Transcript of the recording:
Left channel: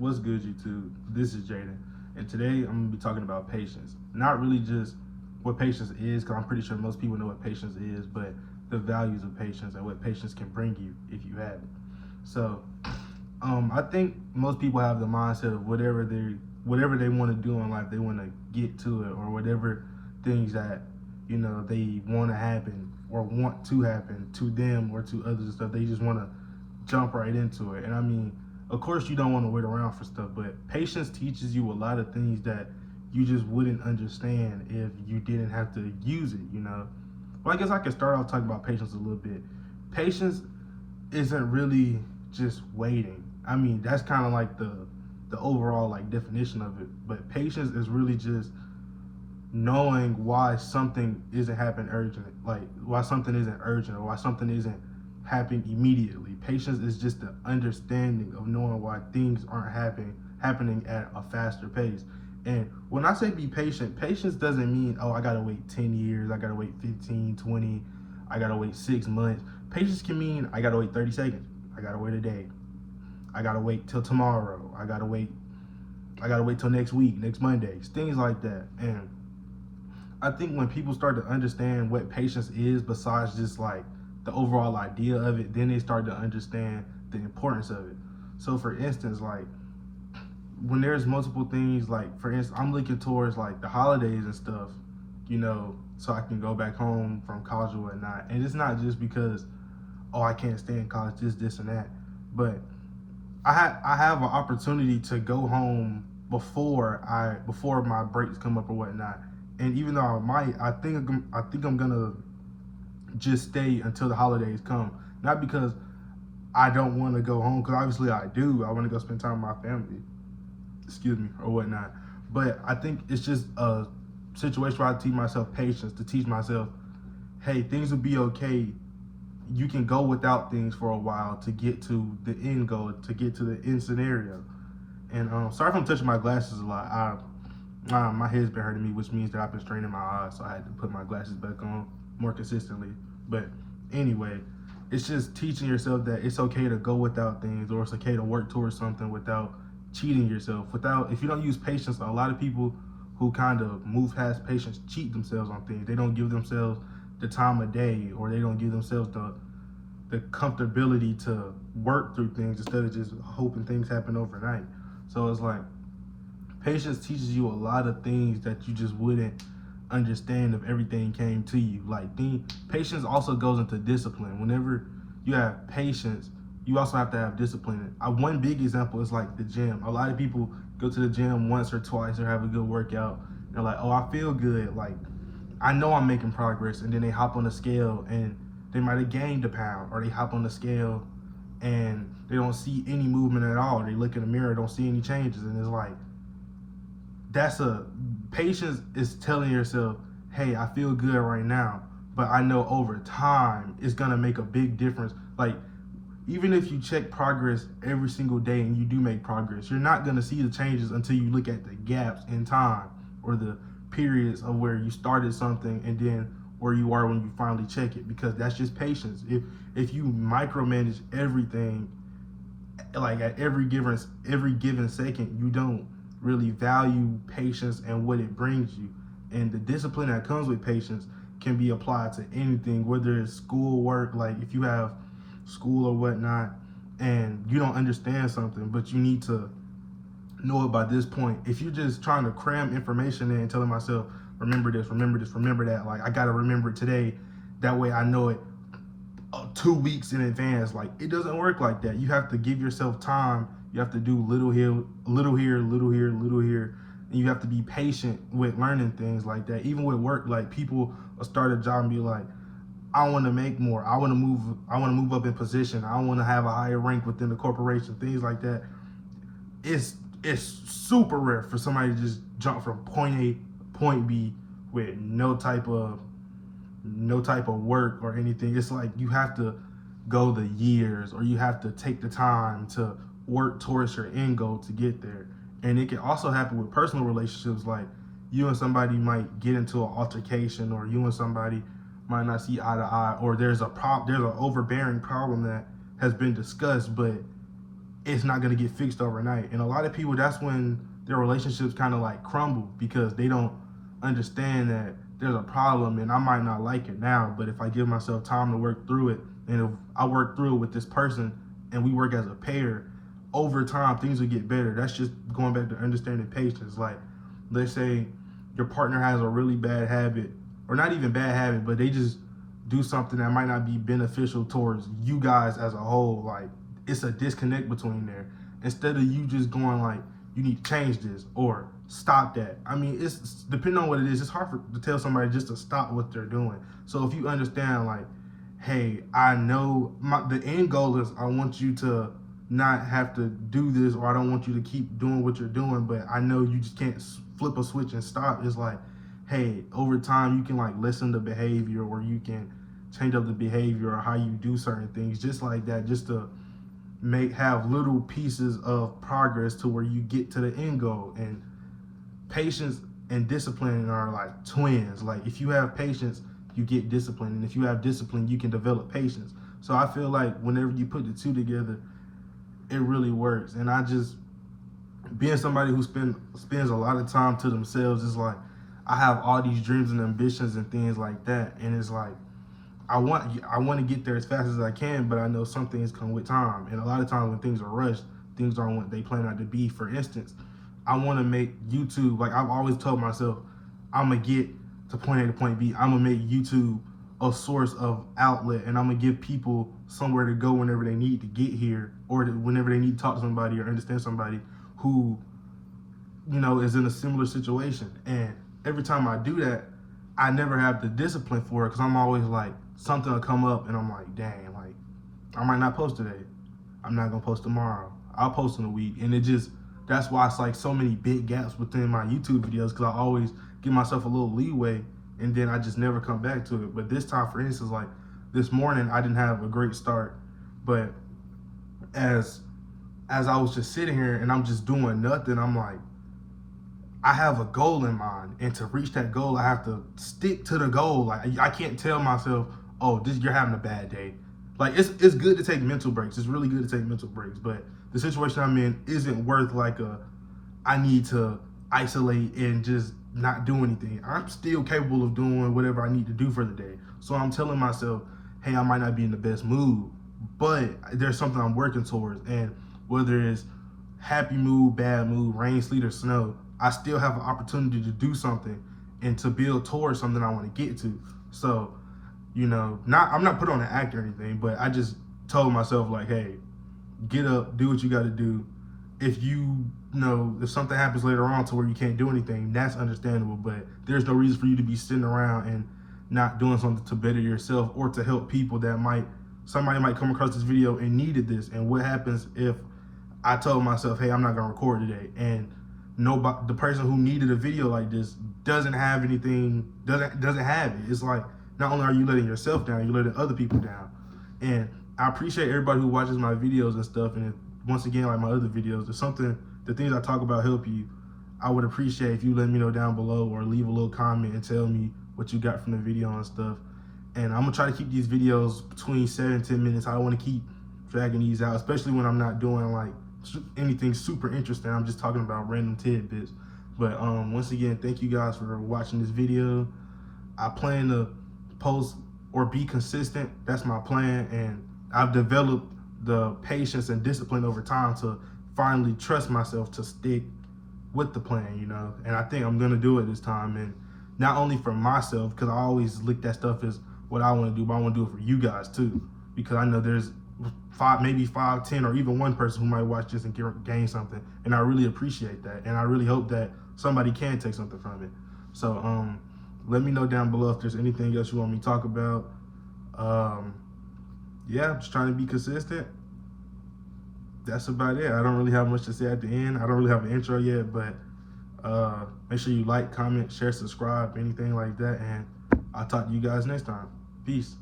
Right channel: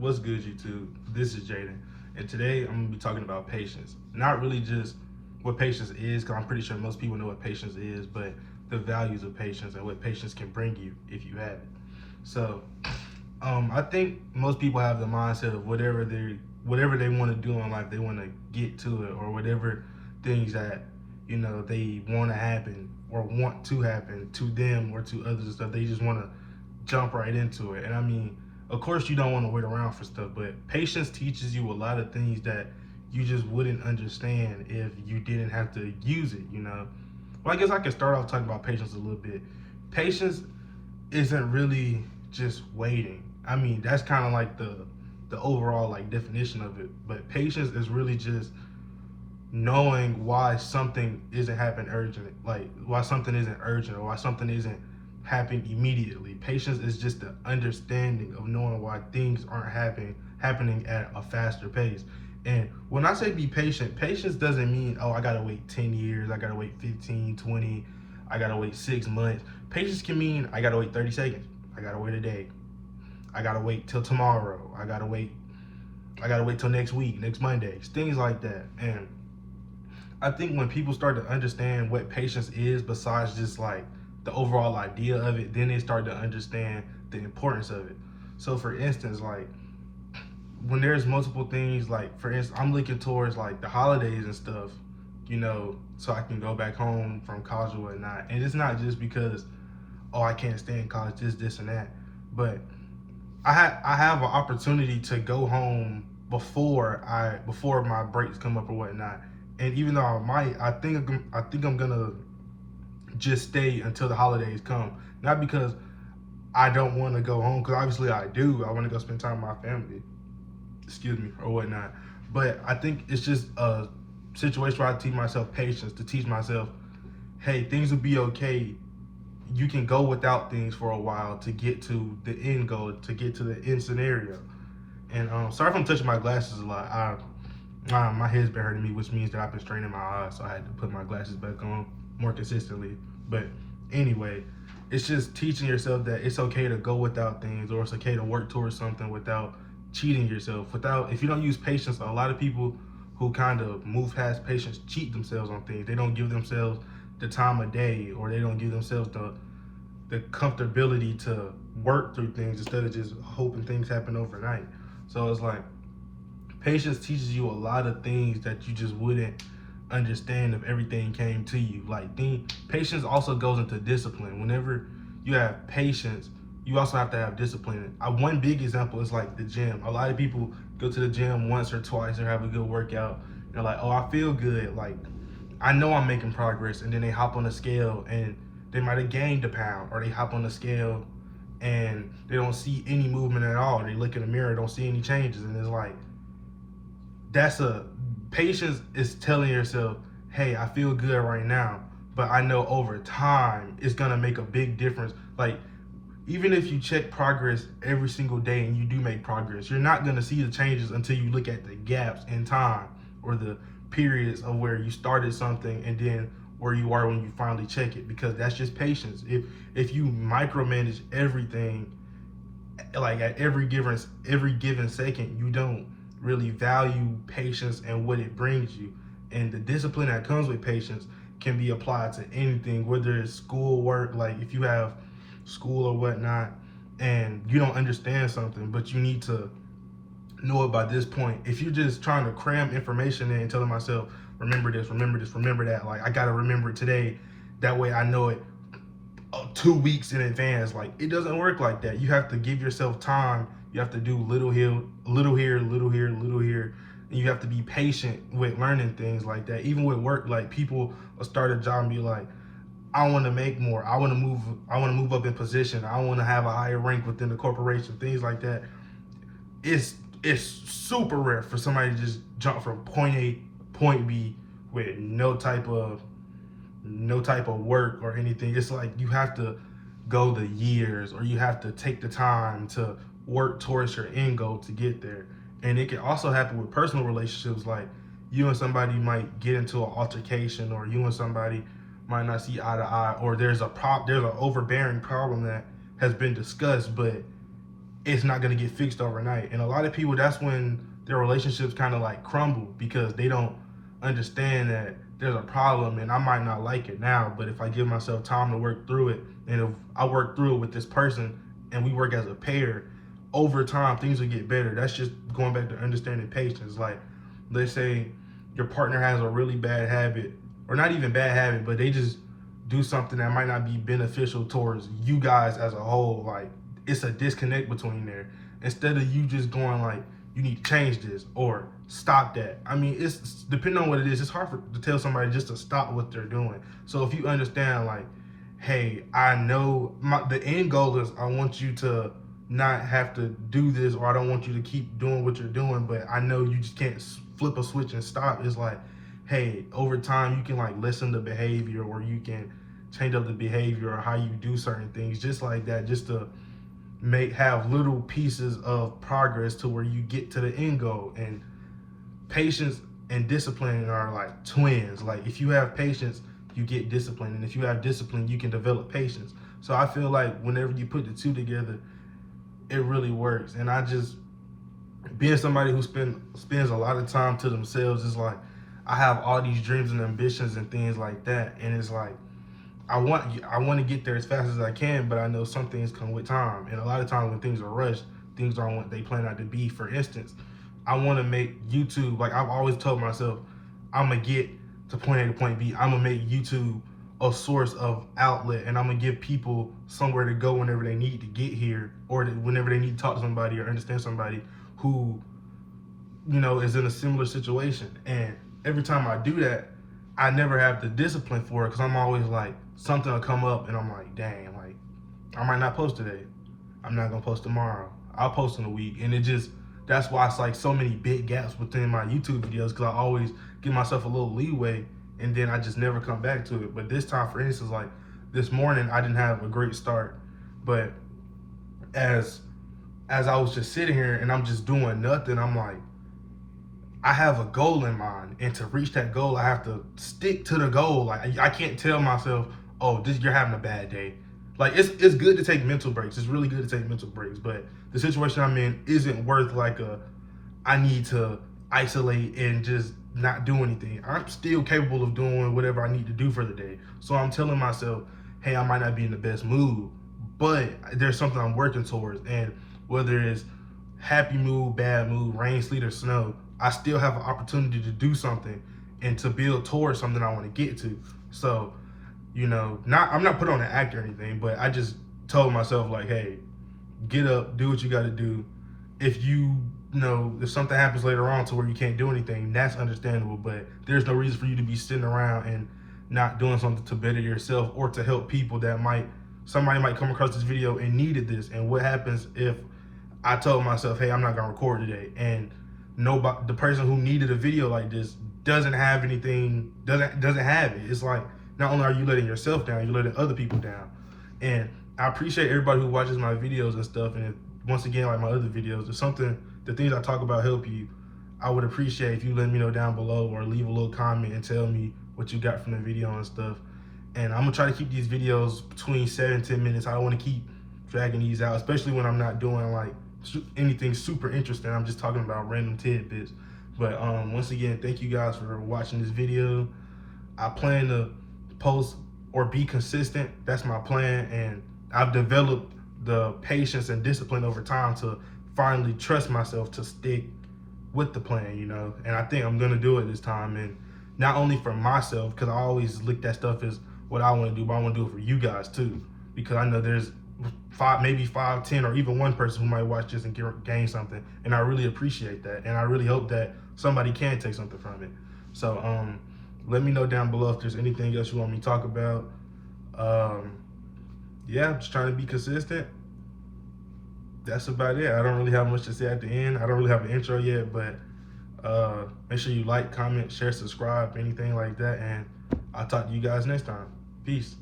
What's good, YouTube? This is Jaden, and today I'm gonna be talking about patience. Not really just what patience is, because I'm pretty sure most people know what patience is, but the values of patience and what patience can bring you if you have it. So, I think most people have the mindset of whatever they want to do in life, they want to get to it, or whatever things that they want to happen or want to happen to them or to others and stuff. They just want to jump right into it. And I mean, of course, you don't want to wait around for stuff, but patience teaches you a lot of things that you just wouldn't understand if you didn't have to use it. Well, I guess I could start off talking about patience a little bit. Patience isn't really just waiting. I mean, that's kind of like the overall like definition of it. But patience is really just knowing why something isn't happening urgent, like why something isn't urgent or why something isn't happening immediately. Patience is just the understanding of knowing why things aren't happening at a faster pace. And when I say be patient, patience doesn't mean, oh, I gotta wait 10 years, I gotta wait 15, 20, I gotta wait 6 months. Patience can mean I gotta wait 30 seconds, I gotta wait a day, I gotta wait till tomorrow, I gotta wait till next week, next Monday, things like that. And I think when people start to understand what patience is, besides just like the overall idea of it, then they start to understand the importance of it. So, for instance, like when there's multiple things, like for instance, I'm looking towards like the holidays and stuff, so I can go back home from college or whatnot. And it's not just because, oh, I can't stay in college, this, and that, but I have an opportunity to go home before my breaks come up or whatnot. And even though I think I'm gonna just stay until the holidays come. Not because I don't want to go home, because obviously I do. I want to go spend time with my family, excuse me, or whatnot. But I think it's just a situation where I teach myself patience, to teach myself, hey, things will be okay. You can go without things for a while to get to the end goal, to get to the end scenario. And sorry if I'm touching my glasses a lot. My head's been hurting me, which means that I've been straining my eyes, so I had to put my glasses back on more consistently. But anyway, it's just teaching yourself that it's okay to go without things, or it's okay to work towards something without cheating yourself. If you don't use patience, a lot of people who kind of move past patience cheat themselves on things. They don't give themselves the time of day, or they don't give themselves the comfortability to work through things instead of just hoping things happen overnight. So it's like patience teaches you a lot of things that you just wouldn't understand if everything came to you. Patience also goes into discipline. Whenever you have patience, you also have to have discipline. One big example is like the gym. A lot of people go to the gym once or twice and have a good workout. They're like, oh, I feel good. Like, I know I'm making progress. And then they hop on the scale and they might have gained a pound, or they hop on the scale and they don't see any movement at all. They look in the mirror, don't see any changes. And it's like, patience is telling yourself, hey, I feel good right now, but I know over time it's gonna make a big difference. Like, even if you check progress every single day and you do make progress, you're not gonna see the changes until you look at the gaps in time, or the periods of where you started something and then where you are when you finally check it, because that's just patience. If you micromanage everything, like at every given second, you don't really value patience and what it brings you. And the discipline that comes with patience can be applied to anything, whether it's school, work. Like if you have school or whatnot and you don't understand something, but you need to know it by this point. If you're just trying to cram information in and telling myself, remember this, remember that, like I gotta remember it today, that way I know it 2 weeks in advance. Like, it doesn't work like that. You have to give yourself time. You have to do little here, little here, little here, little here. And you have to be patient with learning things like that. Even with work, like people will start a job and be like, I want to make more. I want to move up in position. I want to have a higher rank within the corporation. Things like that. It's super rare for somebody to just jump from point A to point B with no type of work or anything. It's like you have to go the years, or you have to take the time to work towards your end goal to get there. And it can also happen with personal relationships. Like, you and somebody might get into an altercation, or you and somebody might not see eye to eye, or there's an overbearing problem that has been discussed, but it's not going to get fixed overnight. And a lot of people, that's when their relationships kind of like crumble, because they don't understand that there's a problem and I might not like it now, but if I give myself time to work through it, and if I work through it with this person and we work as a pair, over time things will get better. That's just going back to understanding patience. Like, let's say your partner has a really bad habit, or not even bad habit, but they just do something that might not be beneficial towards you guys as a whole. Like, it's a disconnect between there. Instead of you just going like, you need to change this or stop that. I mean, it's depending on what it is, it's hard to tell somebody just to stop what they're doing. So if you understand, like, hey, I know the end goal is I want you to not have to do this, or I don't want you to keep doing what you're doing, but I know you just can't flip a switch and stop. It's like, hey, over time you can like lessen the behavior, or you can change up the behavior or how you do certain things, just like that, just to have little pieces of progress to where you get to the end goal. And patience and discipline are like twins. Like, if you have patience, you get discipline, and if you have discipline, you can develop patience. So I feel like whenever you put the two together, it really works. And I just, being somebody who spends a lot of time to themselves, is like, I have all these dreams and ambitions and things like that, and it's like, I want to get there as fast as I can, but I know some things come with time, and a lot of times when things are rushed, things aren't what they plan out to be. For instance, I want to make YouTube, like I've always told myself, I'm gonna get to point A to point B. I'm gonna make YouTube a source of outlet, and I'm gonna give people somewhere to go whenever they need to get here, or whenever they need to talk to somebody or understand somebody who, is in a similar situation. And every time I do that, I never have the discipline for it, because I'm always like, something will come up and I'm like, dang, like, I might not post today. I'm not gonna post tomorrow. I'll post in a week. And that's why it's like so many big gaps within my YouTube videos, because I always give myself a little leeway and then I just never come back to it. But this time, for instance, like this morning, I didn't have a great start, but as I was just sitting here and I'm just doing nothing, I'm like, I have a goal in mind, and to reach that goal, I have to stick to the goal. Like, I can't tell myself, oh, you're having a bad day. Like, it's good to take mental breaks. It's really good to take mental breaks, but the situation I'm in isn't worth like I need to isolate and just not do anything. I'm still capable of doing whatever I need to do for the day. So I'm telling myself, hey, I might not be in the best mood, but there's something I'm working towards. And whether it's happy mood, bad mood, rain, sleet, or snow, I still have an opportunity to do something and to build towards something I want to get to. So, I'm not put on an act or anything, but I just told myself, like, hey, get up, do what you got to do. If if something happens later on to where you can't do anything, that's understandable, but there's no reason for you to be sitting around and not doing something to better yourself or to help people that somebody might come across this video and needed this. And what happens if I told myself, hey, I'm not gonna record today, and the person who needed a video like this doesn't have anything, doesn't have it. It's like, not only are you letting yourself down, you're letting other people down. And I appreciate everybody who watches my videos and stuff. And once again, like my other videos, if the things I talk about help you, I would appreciate if you let me know down below, or leave a little comment and tell me what you got from the video and stuff. And I'm gonna try to keep these videos between 7 and 10 minutes. I don't want to keep dragging these out, especially when I'm not doing like anything super interesting. I'm just talking about random tidbits. But once again, thank you guys for watching this video. I plan to post or be consistent. That's my plan, and I've developed the patience and discipline over time to finally trust myself to stick with the plan, and I think I'm gonna do it this time. And not only for myself, because I always look at stuff as what I want to do, but I want to do it for you guys too, because I know there's maybe 5, 10, or even one person who might watch this and gain something, and I really appreciate that, and I really hope that somebody can take something from it. So let me know down below if there's anything else you want me to talk about. Yeah, I'm just trying to be consistent. That's about it. I don't really have much to say at the end. I don't really have an intro yet, but make sure you like, comment, share, subscribe, anything like that, and I'll talk to you guys next time. Peace.